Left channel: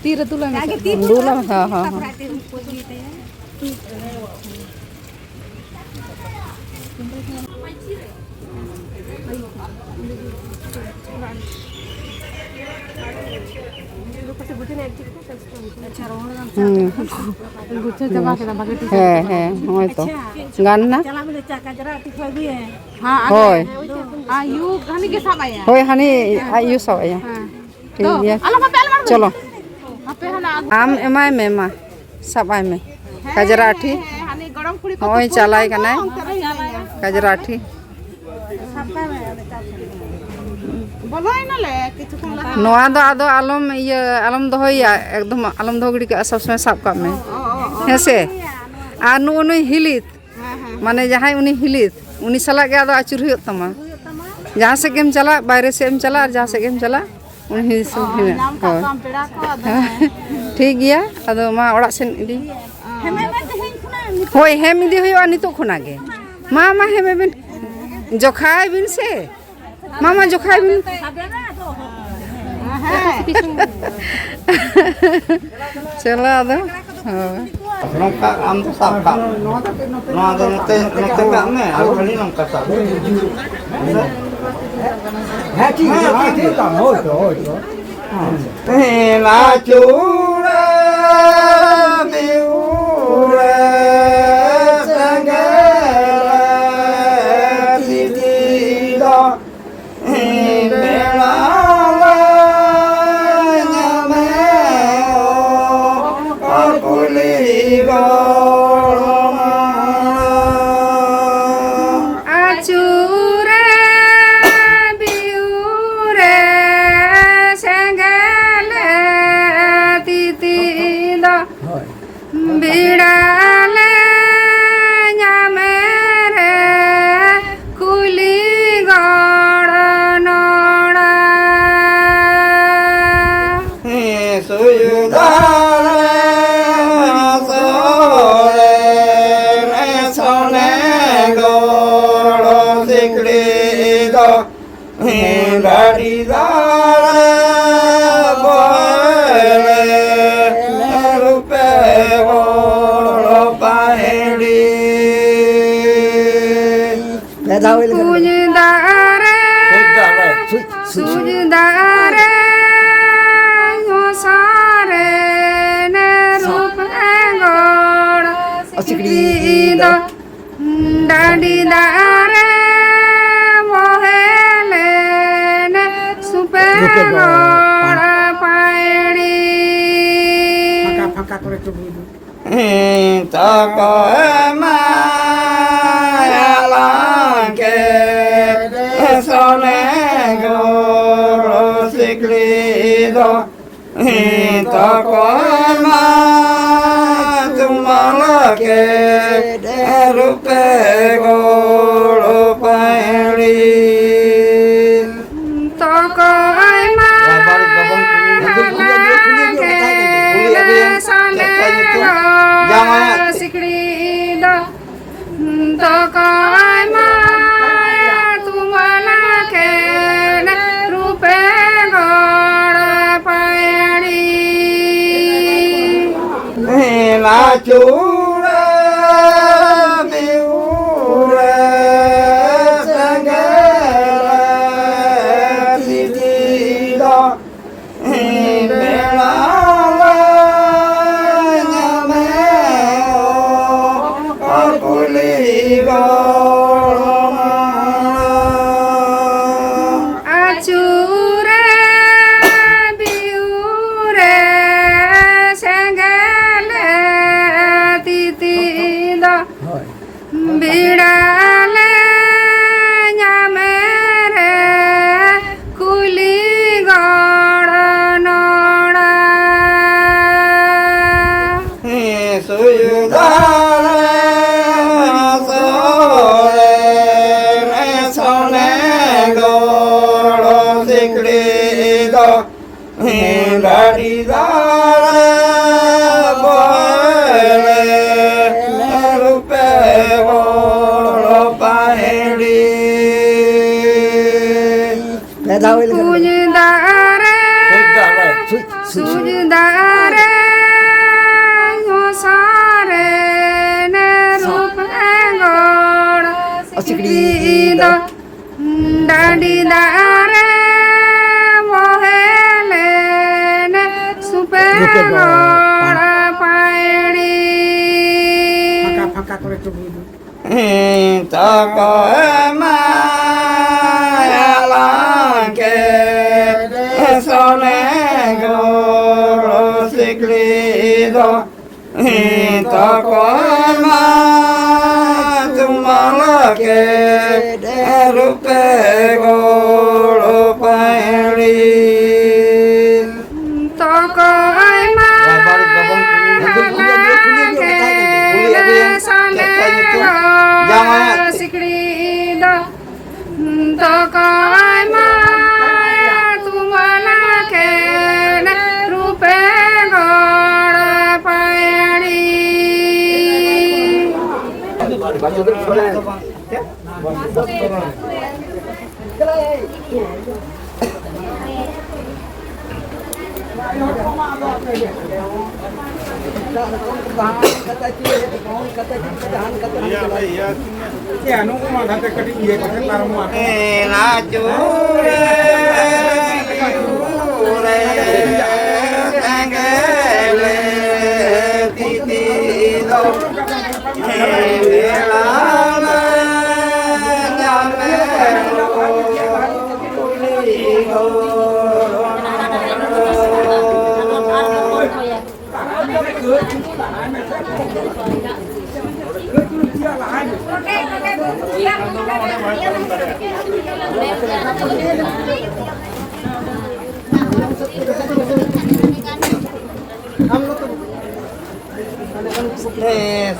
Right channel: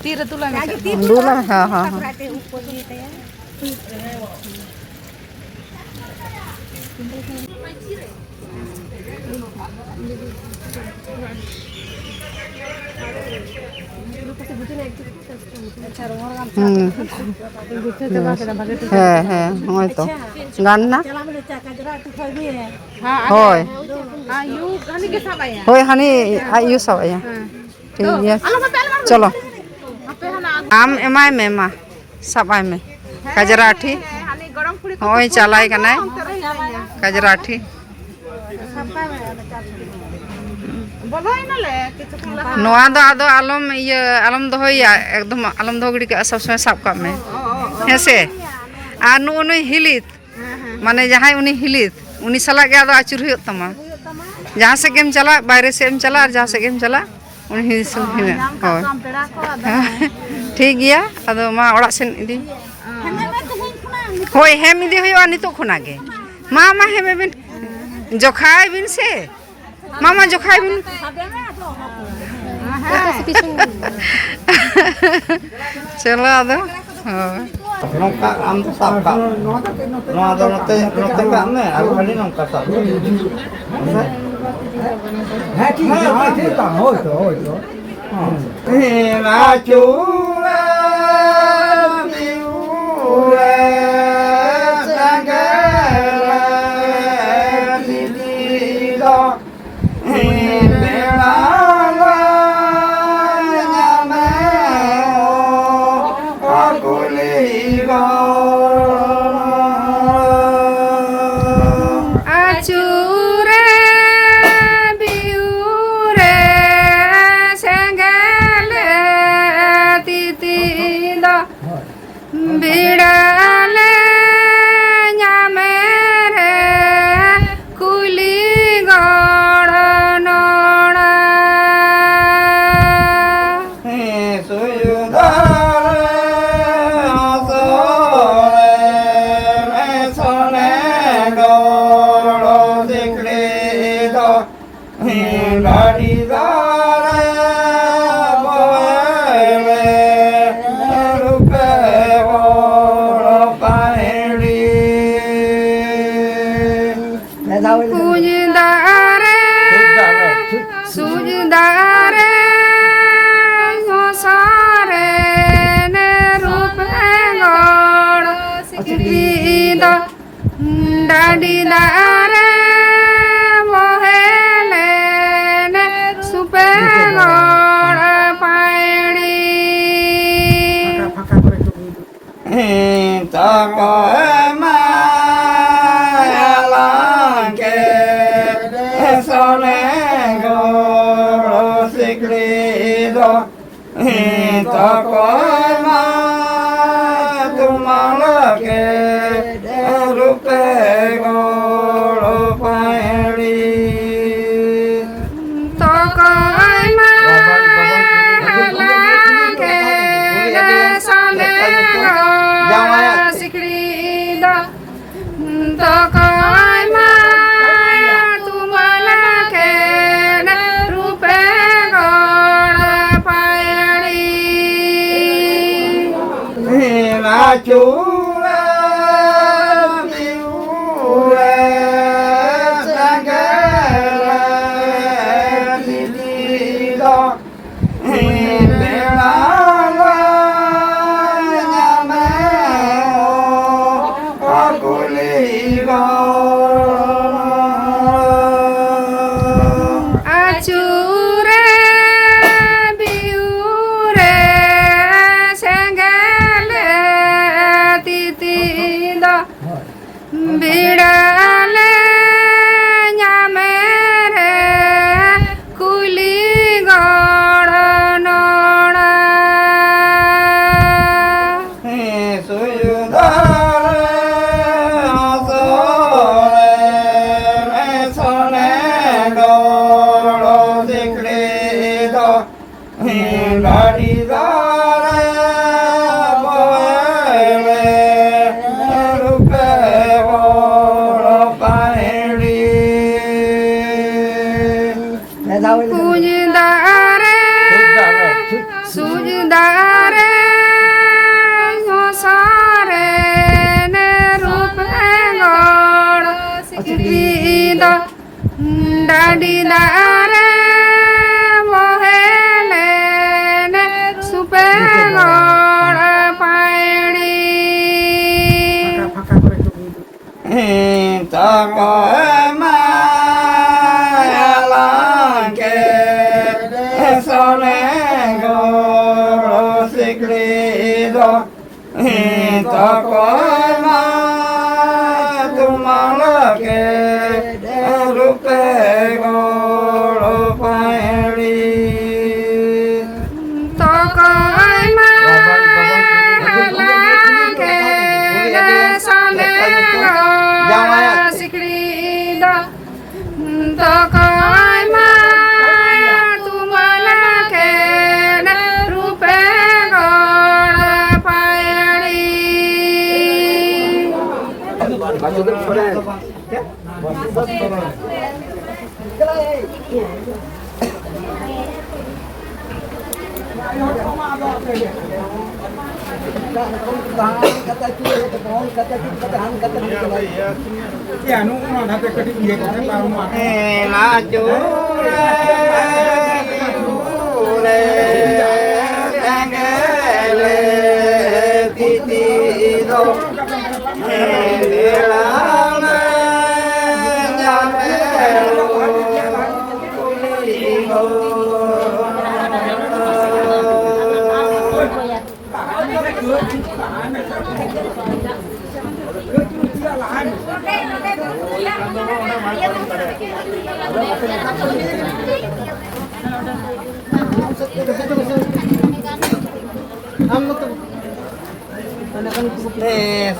Tira tulang. Dulu, ha ha ha. है होय तो गाना होय होय हनी आयु सब आया ठीक है चलो आम एमाय में मा सबाय में कजराठी होय चलाय कनाय कजराठी नोआ दो आदो आलम ये आलम दोहया एकदम आलम दो गड़ी के सब समय साब का में हेसे आ नु हिलित माने जहां उनी हिलित उनी सला के आदो आचुर हुयो तमा जहां से गेम चला बाहर से एम चला और जहां से गेम चला उनी हिस हिमे होय ठीक गया आदो मा ओड़ा सेन इदी होय हेम इदी हुयो नितो खुना गे मा हेमे बिन जोखाय बिन से मामा जोखाय बिन चलो आदो nongka am tu sabka no ada note ka me alu kali nongka sab ha ti ta ho to la chura diura sangara ti do Dadi dare mohele ne supero pairi tako ema yalanke sone goro sikrido tako ema tumalake rupe goro pairi toko ema yalanke sone goro sikrido toko ema tumalake rupe goro pairi la chu Dadi dare mohele ne supengora pairi. Tako emayalanke sonegoro siklido. Tako emayalanke rupe goro pairi. Toko aima halake ne sonegora siklido. Toko aima tumalake ne rupe gora pairi. Ya, nung una dati kati iya kasi para mo ako. Na chure angele titido lama jamelo kulido.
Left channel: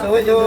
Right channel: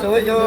Suyo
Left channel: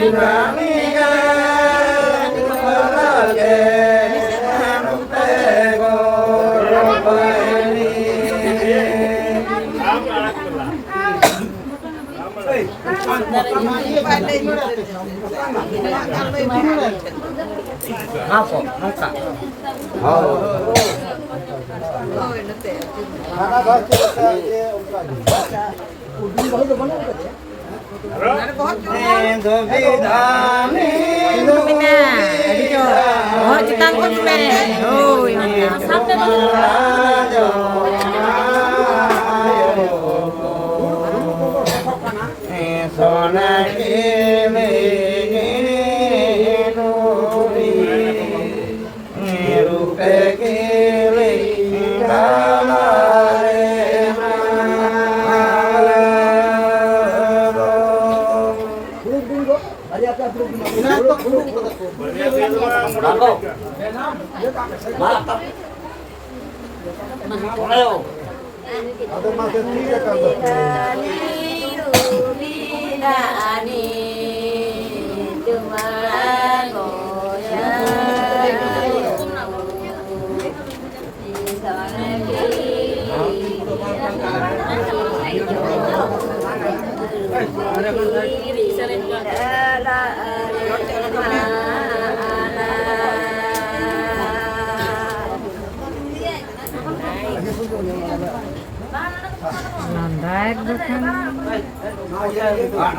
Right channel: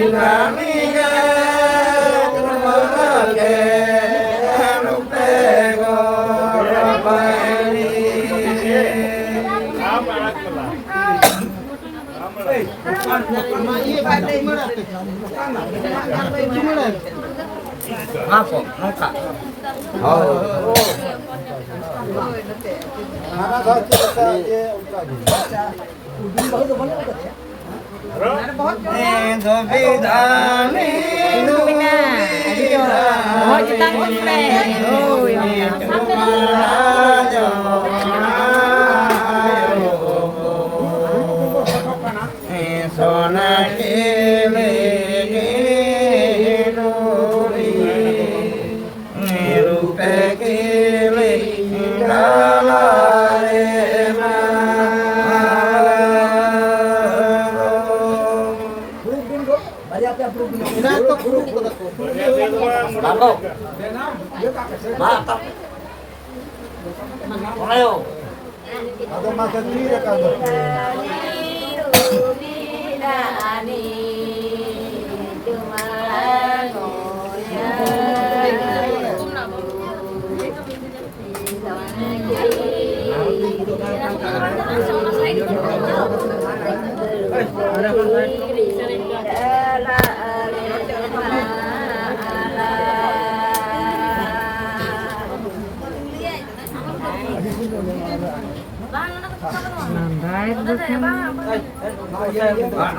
Indrani Apa? Muka. Oh.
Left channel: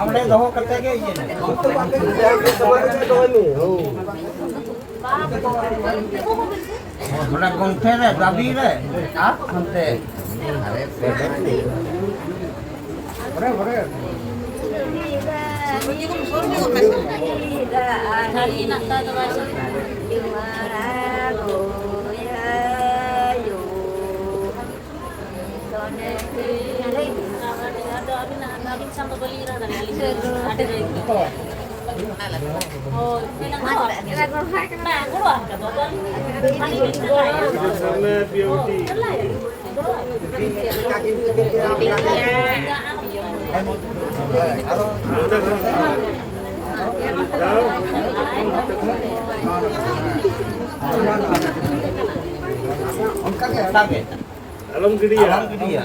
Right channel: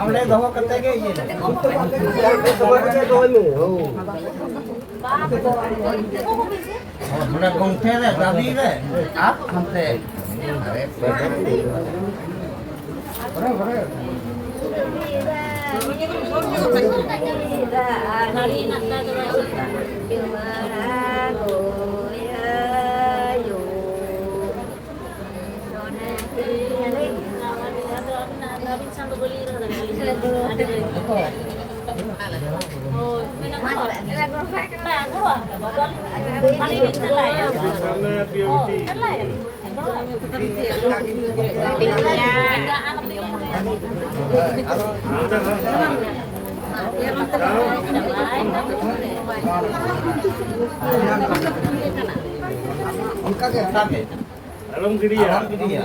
Amre doho kate ge ye. Mana gongte re babi re. Ah hante. Alam dia.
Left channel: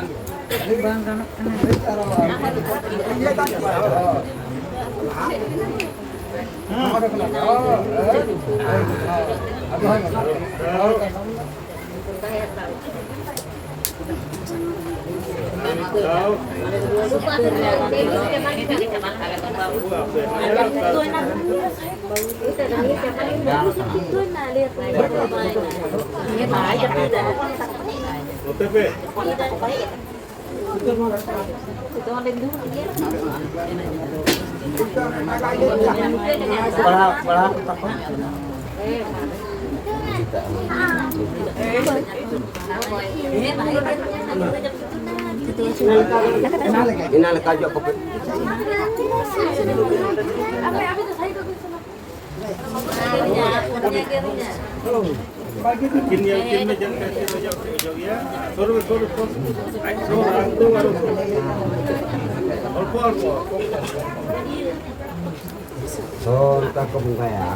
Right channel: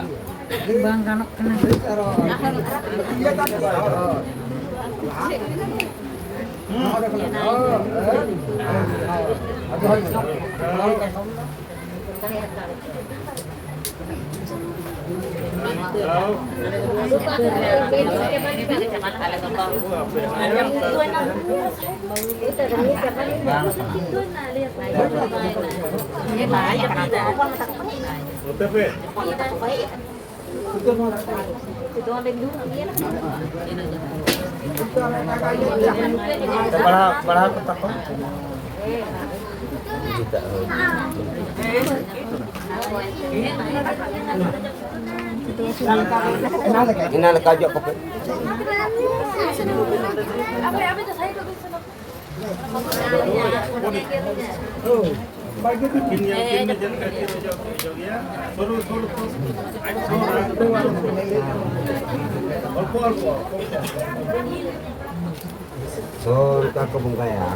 Inal kajo ko. Yakin jangan kasih rojok ya. Suruh. Alpo. So, kita komentar ya.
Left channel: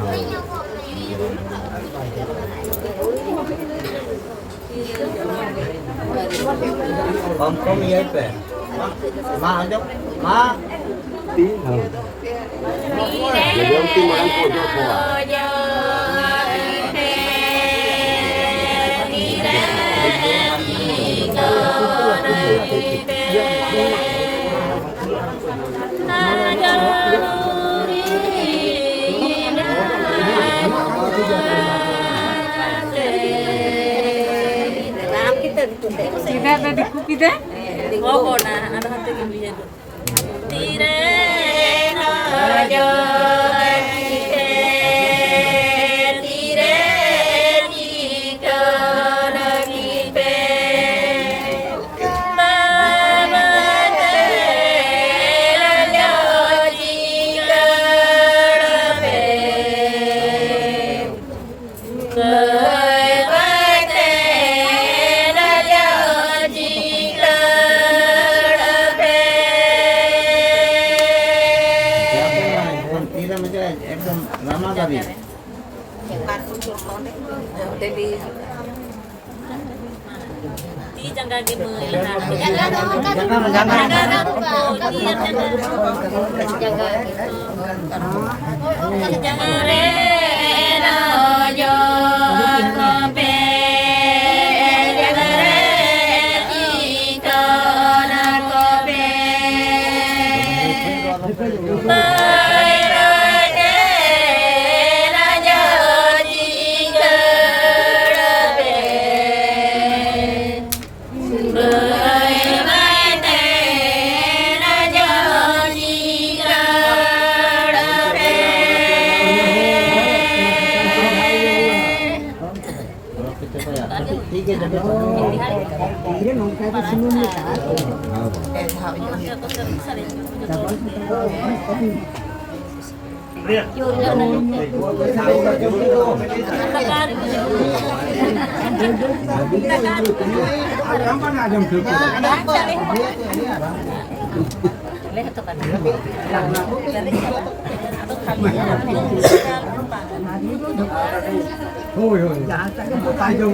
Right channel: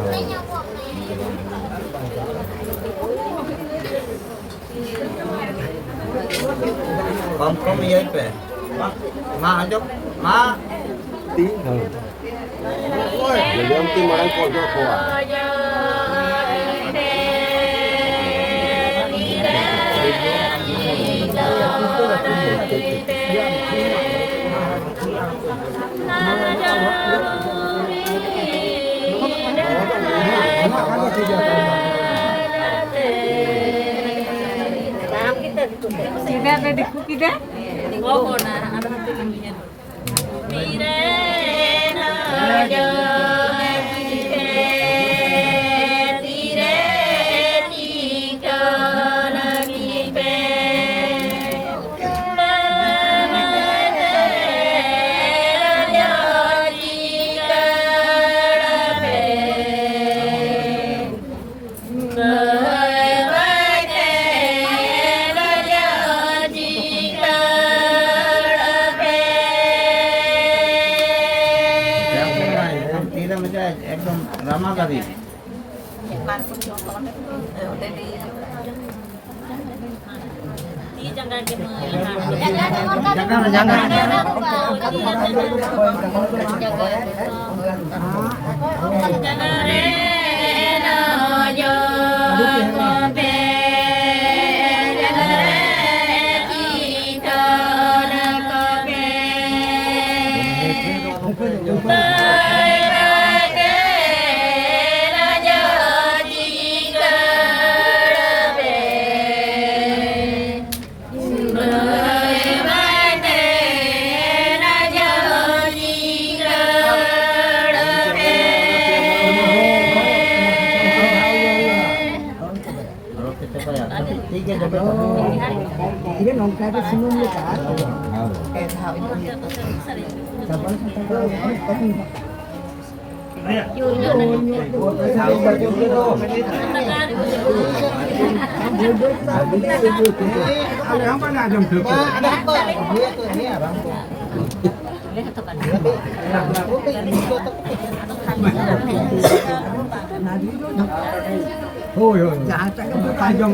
Kom ya ipe. Ma aja. Ma. Ti. Yang ti mai ko jo ko. Kita ada di kuki deh. Oh, nah, ada satu yang dia. Tire raja kite tire tito lagite mama raja jika rabe एकदम रामा गाड़ी Ti jangka gitu. Yang mana jam berapa? Oh iya. Tajam.